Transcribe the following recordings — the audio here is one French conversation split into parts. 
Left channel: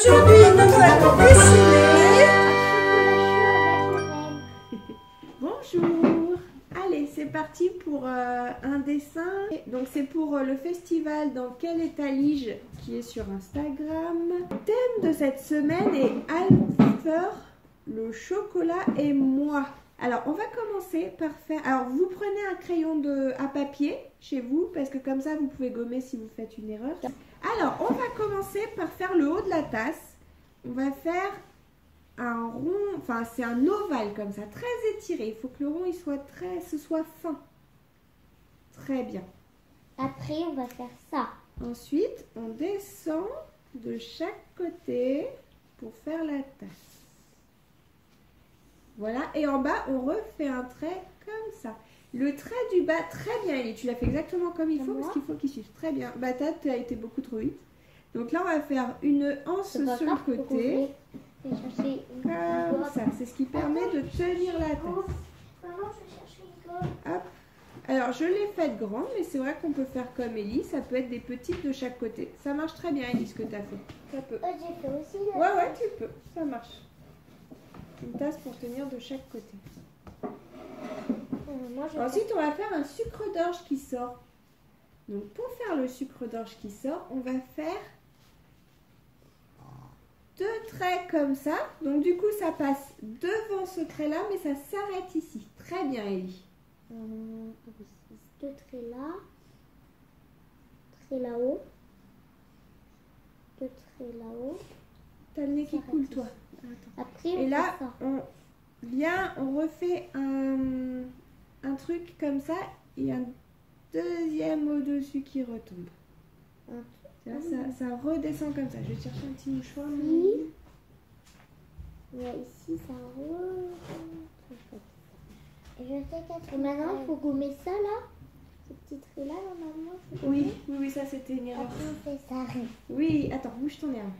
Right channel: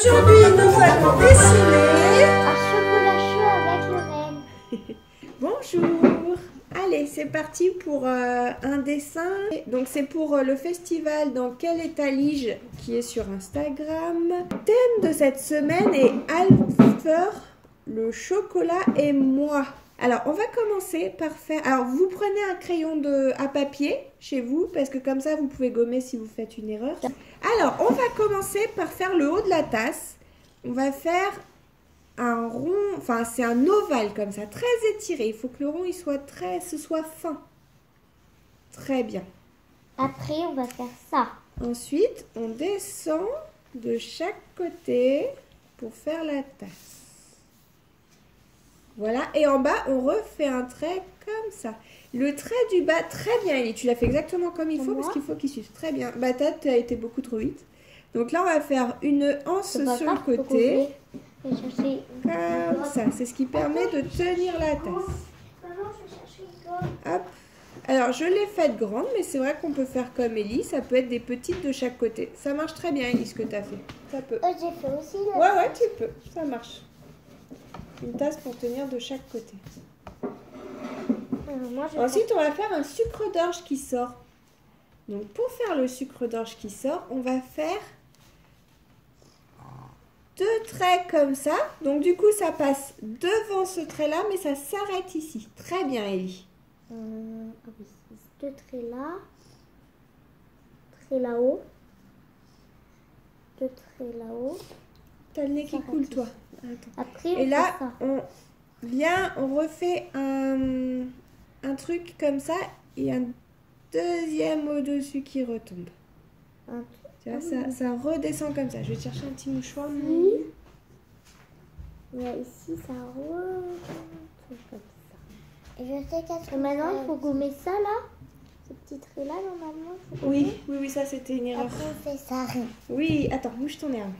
Aujourd'hui, nous allons dessiner un chocolat chaud avec le renne. Bonjour. Allez, c'est parti pour un dessin. Donc c'est pour le festival Dans quel état lige qui est sur Instagram. Le thème de cette semaine est Alfer, le chocolat et moi. Alors on va commencer par faire... Alors vous prenez un crayon à papier chez vous parce que comme ça vous pouvez gommer si vous faites une erreur. Alors on va commencer par faire le haut de la tasse. On va faire un rond, enfin c'est un ovale comme ça, très étiré. Il faut que le rond ce soit fin. Très bien. Après, on va faire ça. Ensuite, on descend de chaque côté pour faire la tasse. Voilà, et en bas, on refait un trait comme ça. Le trait du bas, très bien, Ellie. Tu l'as fait exactement comme il faut parce qu'il faut qu'il suive. Très bien. Bah, t'as été beaucoup trop vite. Donc là, on va faire une anse sur le côté. Comme ça, c'est ce qui permet de tenir la tasse. Hop. Alors, je l'ai faite grande, mais c'est vrai qu'on peut faire comme Ellie. Ça peut être des petites de chaque côté. Ça marche très bien, Ellie, ce que tu as fait. Ça peut. J'ai fait aussi. Ouais, tu peux. Ça marche. Une tasse pour tenir de chaque côté. Ensuite, on va faire un sucre d'orge qui sort. Donc, pour faire le sucre d'orge qui sort, on va faire 2 traits comme ça. Donc, du coup, ça passe devant ce trait-là, mais ça s'arrête ici. Très bien, Ellie. 2 traits là. Trait là-haut. 2 traits là-haut. T'as le nez qui coule, toi. Attends. Après, et là, on refait un truc comme ça et un deuxième au-dessus qui retombe. Tu vois, ça redescend comme ça. Je vais chercher un petit mouchoir. Oui. Ici, ça retombe. Et maintenant, il faut gommer ça là. Ce petit trait là, normalement. Oui, ça c'était une erreur. Après, on fait ça. Oui, attends, bouge ton herbe.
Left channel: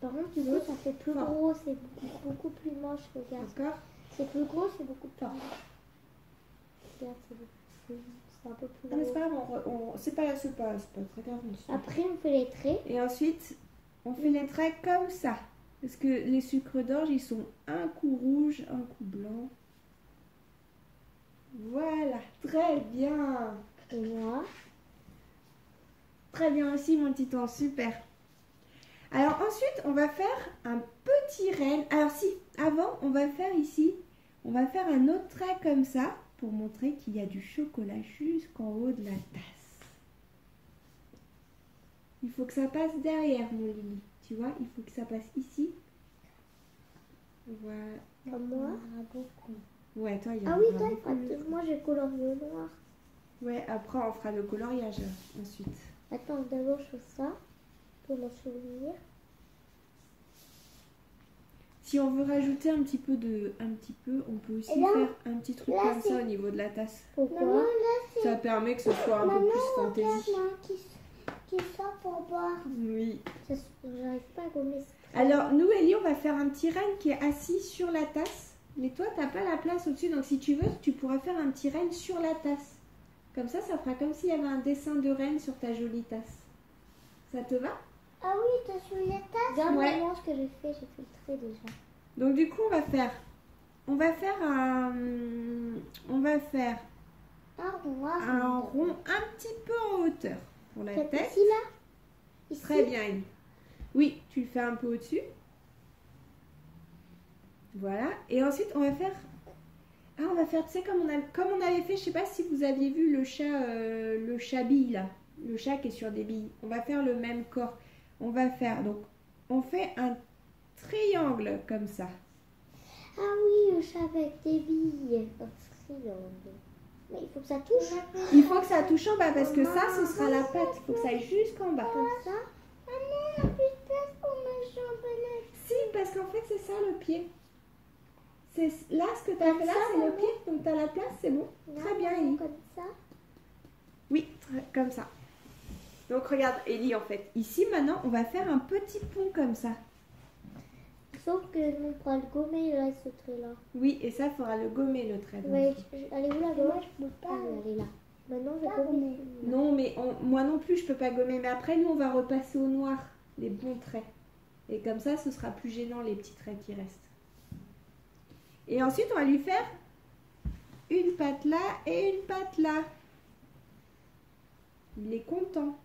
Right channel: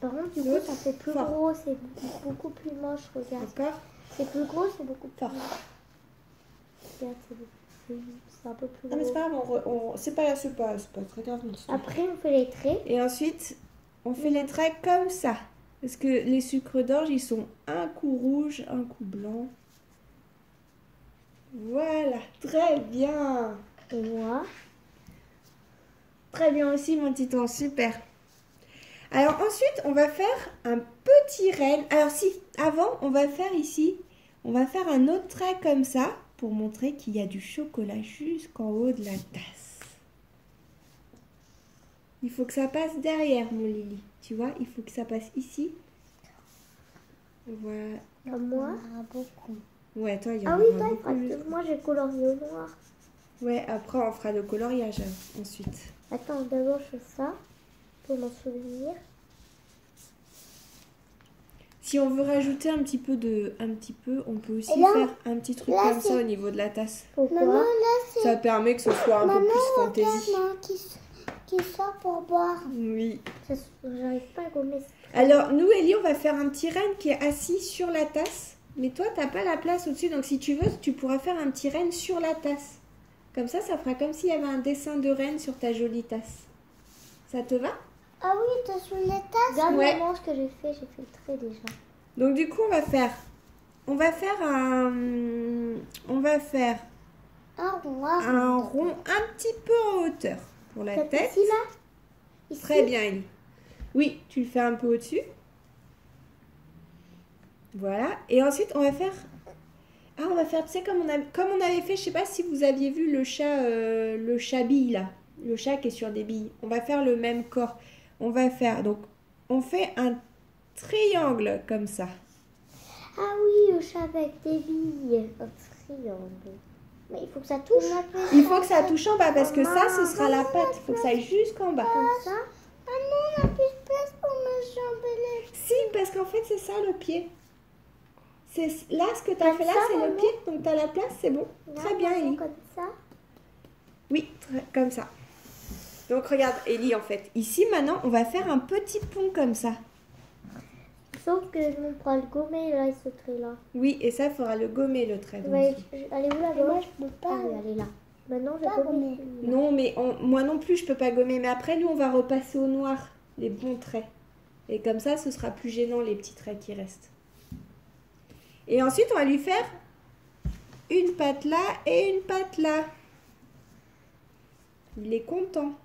Par contre, du coup, ça fait plus gros, c'est beaucoup plus moche, regarde. D'accord. C'est plus gros, c'est beaucoup plus moche. Regarde, c'est un peu plus gros. Non, mais c'est pas grave, c'est pas très grave. Après, on fait les traits. Et ensuite, on fait les traits comme ça. Parce que les sucres d'orge, ils sont un coup rouge, un coup blanc. Voilà, très bien. Et moi. Très bien aussi, mon titan, super. Alors ensuite, on va faire un petit renne. Alors si, avant, on va faire ici, on va faire un autre trait comme ça pour montrer qu'il y a du chocolat jusqu'en haut de la tasse. Il faut que ça passe derrière, mon Lily. Tu vois, il faut que ça passe ici. Voilà. Comme moi. Ouais, toi, il y en a beaucoup. Ah oui, toi, moi j'ai colorié au noir. Ouais, après, on fera le coloriage ensuite. Attends, d'abord, je fais ça. Pour m'en souvenir. Si on veut rajouter un petit peu, on peut aussi faire un petit truc comme ça au niveau de la tasse. Pourquoi? Ça permet que ce soit un peu plus fantaisie. Qui sort pour boire. Oui. J'arrive pas à gommer. Alors, nous, Ellie, on va faire un petit renne qui est assis sur la tasse. Mais toi, t'as pas la place au-dessus. Donc, si tu veux, tu pourras faire un petit renne sur la tasse. Comme ça fera comme s'il y avait un dessin de reine sur ta jolie tasse. Ça te va? Ah oui, t'as sur la tasse. Regarde vraiment ce que j'ai fait le trait déjà. Donc du coup, on va faire un rond un petit peu en hauteur pour la tête. Ici, là? Ici? Très bien, Ellie. Oui, tu le fais un peu au-dessus. Voilà. Et ensuite, on va faire, tu sais, comme on avait fait, je sais pas si vous aviez vu le chat bille là. Le chat qui est sur des billes. On va faire le même corps. On fait un triangle comme ça. Ah oui, le chat avec des billes. Un triangle. Mais il faut que ça touche. Il faut que ça touche en bas parce que ça, ce sera la patte. Il faut que ça aille jusqu'en bas. Comme ça. Ah non, on n'a plus de place pour mes jambes. Si, parce qu'en fait, c'est ça le pied. Là, ce que tu as fait là, c'est le pied. Donc, tu as la place, c'est bon. Très bien, Ellie. Comme ça. Oui, comme ça. Donc, regarde, Ellie, en fait. Ici, maintenant, on va faire un petit pont comme ça. Sauf que je me prends le gommer, là, ce trait-là. Oui, et ça, il faudra le gommer, le trait. Ouais, elle est où, la gomme? Je peux pas. Ah, oui, elle est là. Maintenant, je vais gommer. Non, mais moi non plus, je peux pas gommer. Mais après, nous, on va repasser au noir les bons traits. Et comme ça, ce sera plus gênant les petits traits qui restent. Et ensuite, on va lui faire une patte là et une patte là. Il est content.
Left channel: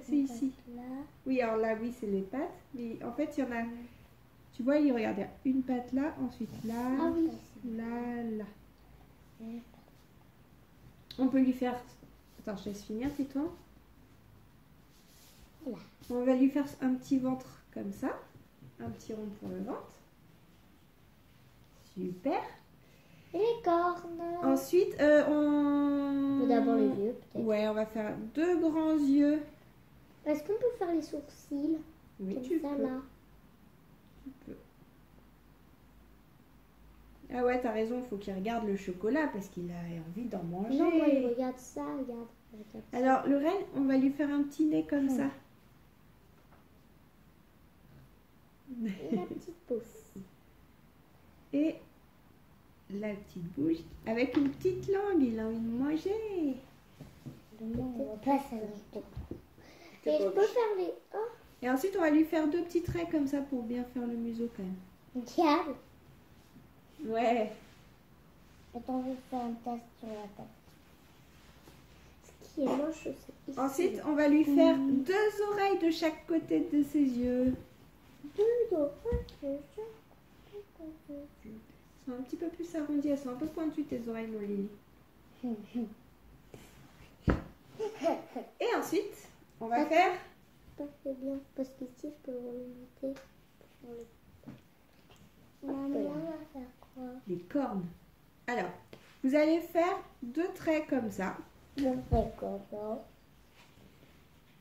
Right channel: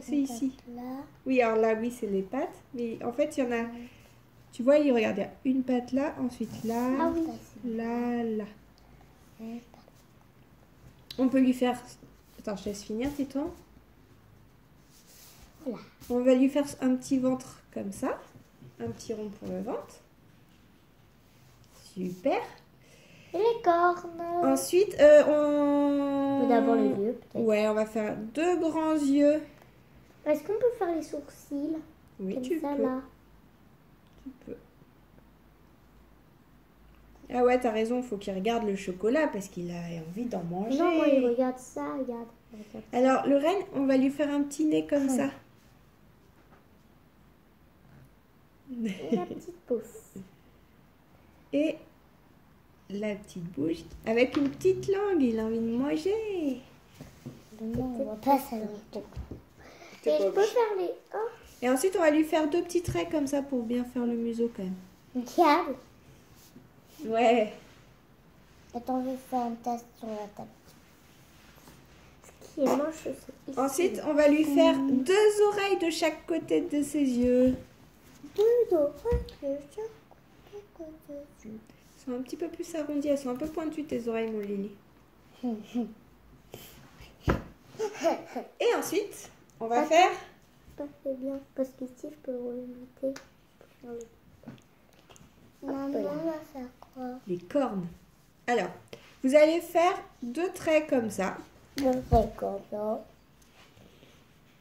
C'est ici. Là. Oui, alors là, oui, c'est les pattes. Mais en fait, il y en a... Tu vois, il regarde, il y a une patte là, ensuite là, Ah oui. là, là. On peut lui faire... Attends, je laisse finir, tais-toi. Voilà. On va lui faire un petit ventre comme ça. Un petit rond pour le ventre. Super. Et les cornes. Ensuite, on... D'abord les yeux, peut-être. Ouais, on va faire 2 grands yeux. Est-ce qu'on peut faire les sourcils? Oui, Comme tu ça, peux. là. Tu peux. Ah ouais, t'as raison, il faut qu'il regarde le chocolat parce qu'il a envie d'en manger. Non, moi, il regarde ça, regarde. Regarde ça. Alors, le renne, on va lui faire un petit nez comme ça. Et la petite pousse. Et la petite bouche avec une petite langue, il a envie de manger. Non, on va pas ça. Et je peux faire les... Oh, Et ensuite, on va lui faire 2 petits traits comme ça pour bien faire le museau quand même. regarde. Ouais. Attends, je vais faire un test sur la table. Ce qui est moche, c'est ici. Ensuite, on va lui faire 2 oreilles de chaque côté de ses yeux. 2 oreilles de chaque côté. Elles sont un petit peu plus arrondies, elles sont un peu pointues tes oreilles, mon Lily. Et ensuite, on va faire... Ça fait bien, parce qu'ici, je peux remonter. Maman, on va faire quoi? les cornes. Alors, vous allez faire 2 traits comme ça. Je fais quoi?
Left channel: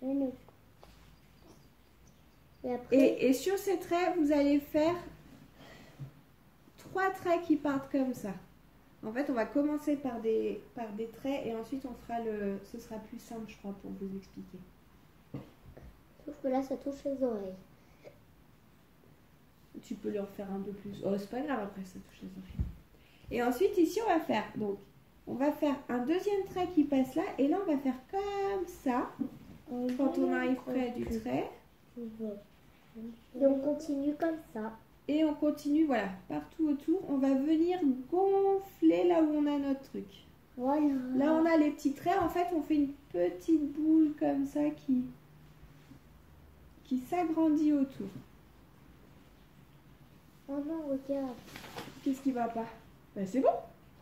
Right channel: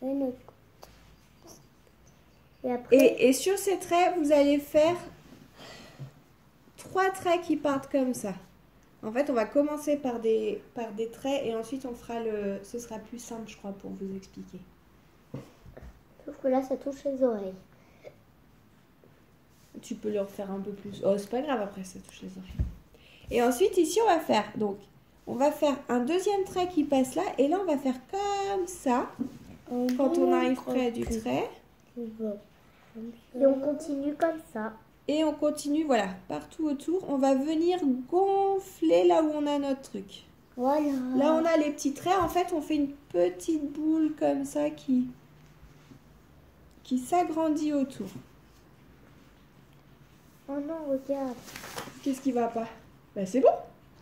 Une autre. Et après, Et sur ces traits, vous allez faire 3 traits qui partent comme ça. En fait, on va commencer par des traits et ensuite on fera le... Ce sera plus simple, je crois, pour vous expliquer. sauf que là, ça touche les oreilles. Tu peux le refaire un peu plus. Oh, c'est pas grave, après ça touche les oreilles. Et ensuite, ici, on va faire... Donc, on va faire un deuxième trait qui passe là. Et là, on va faire comme ça. Quand on arrive près du trait. Et on continue comme ça. Et on continue, voilà, partout autour. On va venir gonfler là où on a notre truc. Voilà. Là, on a les petits traits. En fait, on fait une petite boule comme ça qui s'agrandit autour. Oh non, regarde. Qu'est-ce qui va pas? Ben, c'est bon.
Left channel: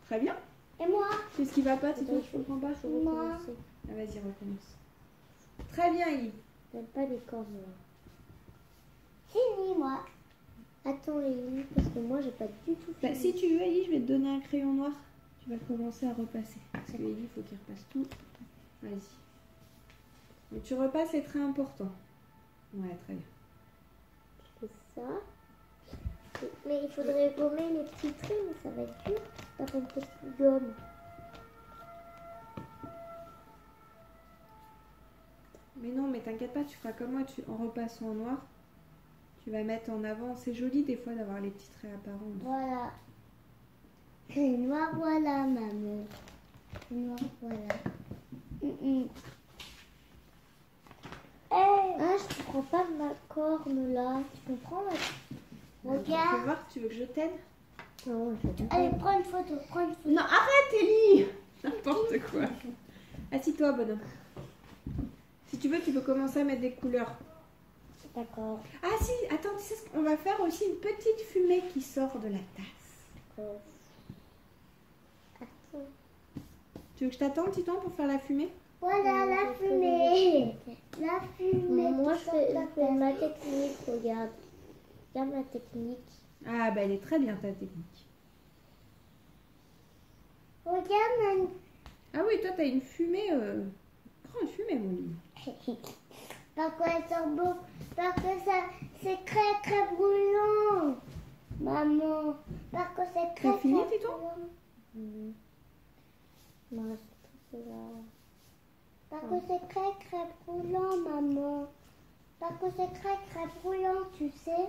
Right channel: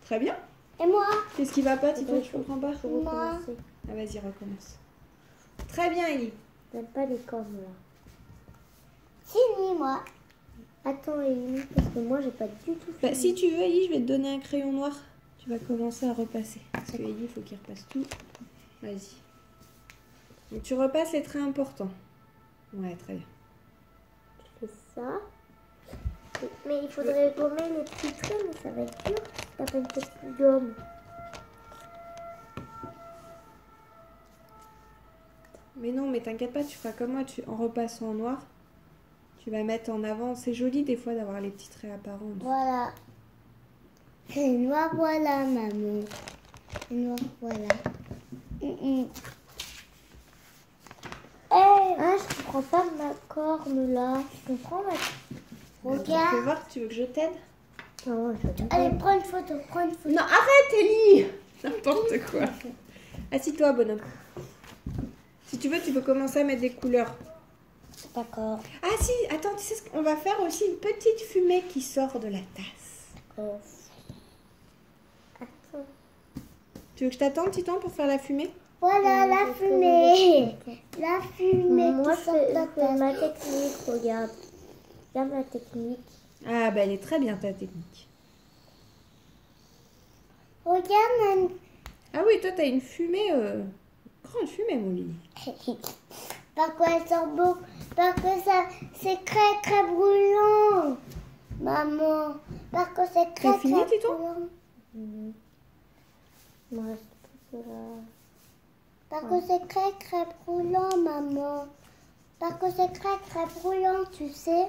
Très bien. Et moi? Qu'est-ce qui va pas, Tito? Tu comprends pas? Je vais recommencer. Ah, vas-y, recommence. Très bien, Ellie. J'aime pas les cornes là. Fini, moi. Attends, Émilie, parce que moi, j'ai pas du tout Bah, fini. si tu veux, Ellie, je vais te donner un crayon noir. Tu vas commencer à repasser. Parce que Ellie, il faut qu'il repasse tout. Vas-y. Mais tu repasses les traits importants. Ouais, très bien. Je fais ça. Mais il faudrait gommer les petits traits, mais ça va être dur. Ça fait une petite gomme. Mais non, mais t'inquiète pas, tu feras comme moi. En repassant en noir, tu vas mettre en avant. C'est joli des fois d'avoir les petits traits apparents. Voilà. Noir, voilà, maman. Noir, voilà. Ah, je comprends pas ma corne là. Je comprends ma... Tu peux Regarde. voir, tu veux que je t'aide? Non, je comprends. Allez, prends une photo, prends une photo. Non, arrête, Ellie! N'importe quoi. Assis-toi, bonhomme. Si tu veux, tu peux commencer à mettre des couleurs. D'accord. Ah si, attends, tu sais ce qu'on va faire aussi? Une petite fumée qui sort de la tasse. Attends. Tu veux que je t'attende, Titan, pour faire la fumée? Voilà la fumée. La fumée Moi, qui sort de la je fais tasse. ma technique, regarde. Regarde ma technique. Ah bah elle est très bien ta technique. Regarde, maman. Ah oui, toi t'as une fumée, grande fumée mon lit. Par quoi elle sort beau? Parce que ça, c'est très très brûlant. Maman. Parce que c'est très T'as fini, très Titon? brûlant. Moi, Parce que c'est très très brûlant, maman. Parce que c'est très très brûlant, tu sais.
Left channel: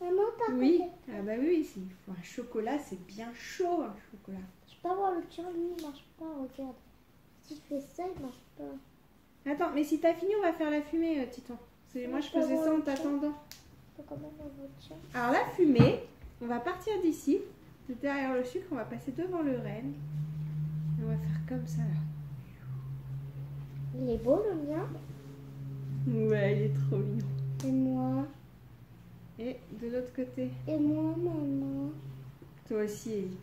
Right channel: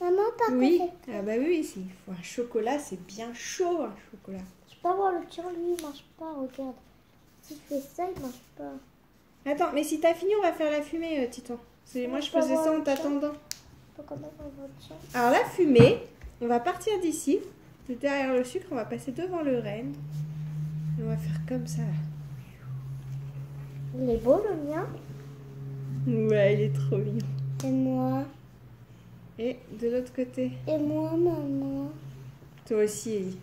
Maman, parce Oui, que ah bah oui, il faut un chocolat, c'est bien chaud un chocolat. je peux pas voir le tien, lui, il marche pas, regarde. Si je fais ça, il marche pas. Attends, mais si t'as fini, on va faire la fumée, Titan. Moi je peux faisais avoir ça en le tien? t'attendant. quand même un voiture. Alors la fumée, on va partir d'ici, de derrière le sucre, on va passer devant le renne. On va faire comme ça. Il est beau le mien. Ouais, il est trop mignon. Et moi. Et de l'autre côté, Et moi, maman. toi aussi, Ellie.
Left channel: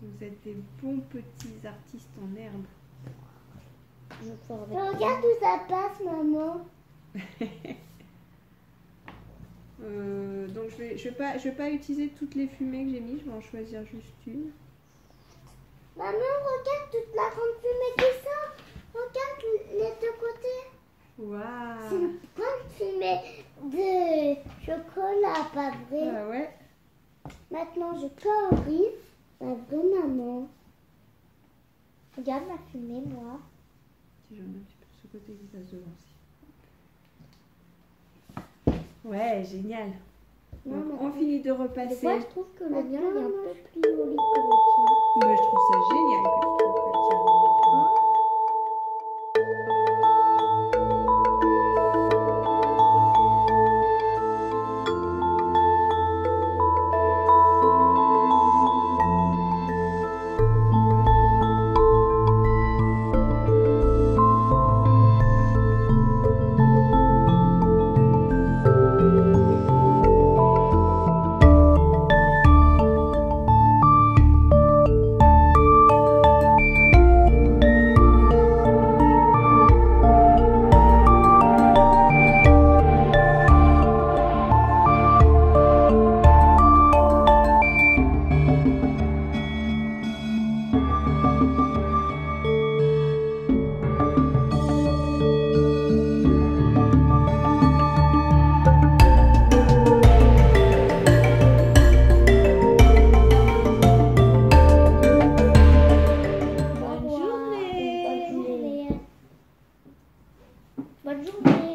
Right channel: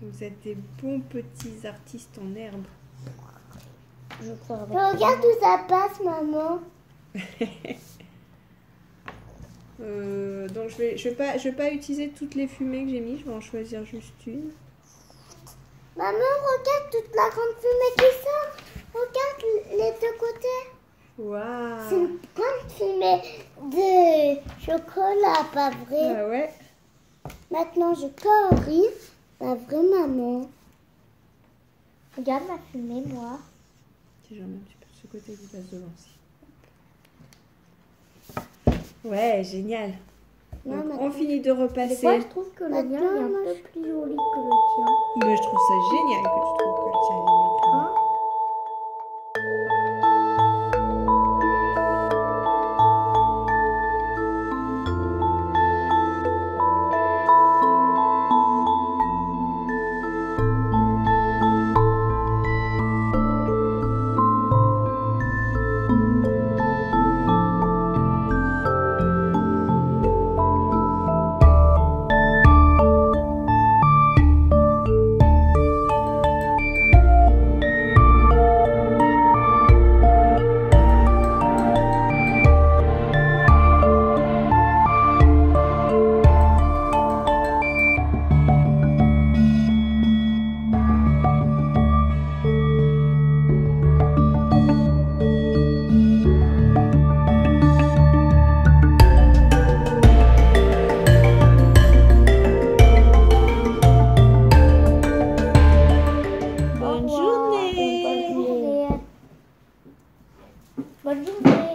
Vous êtes des bons petits artistes en herbe. Je sors avec Mais regarde où ça passe, maman. Donc je vais pas utiliser toutes les fumées que j'ai mis, je vais en choisir juste une. Maman, regarde toute la grande fumée qui sort. Regarde les deux côtés. C'est Waouh. une grande fumée de chocolat, pas vrai? Ah ouais. Maintenant, je colorie la vraie maman. Regarde la fumée, moi. Si j'en mets un petit peu de ce côté qui passe devant aussi. Ouais, génial. Non, Donc, mais- on finit de Des repasser. fois, je trouve que le mien il est Attends, un moi, peu plus joli que le tien. Mais je trouve ça génial que tu trouves que le tien est mieux que le mien. Hein? Bonne Au revoir. journée. Bonne journée. Bonne journée.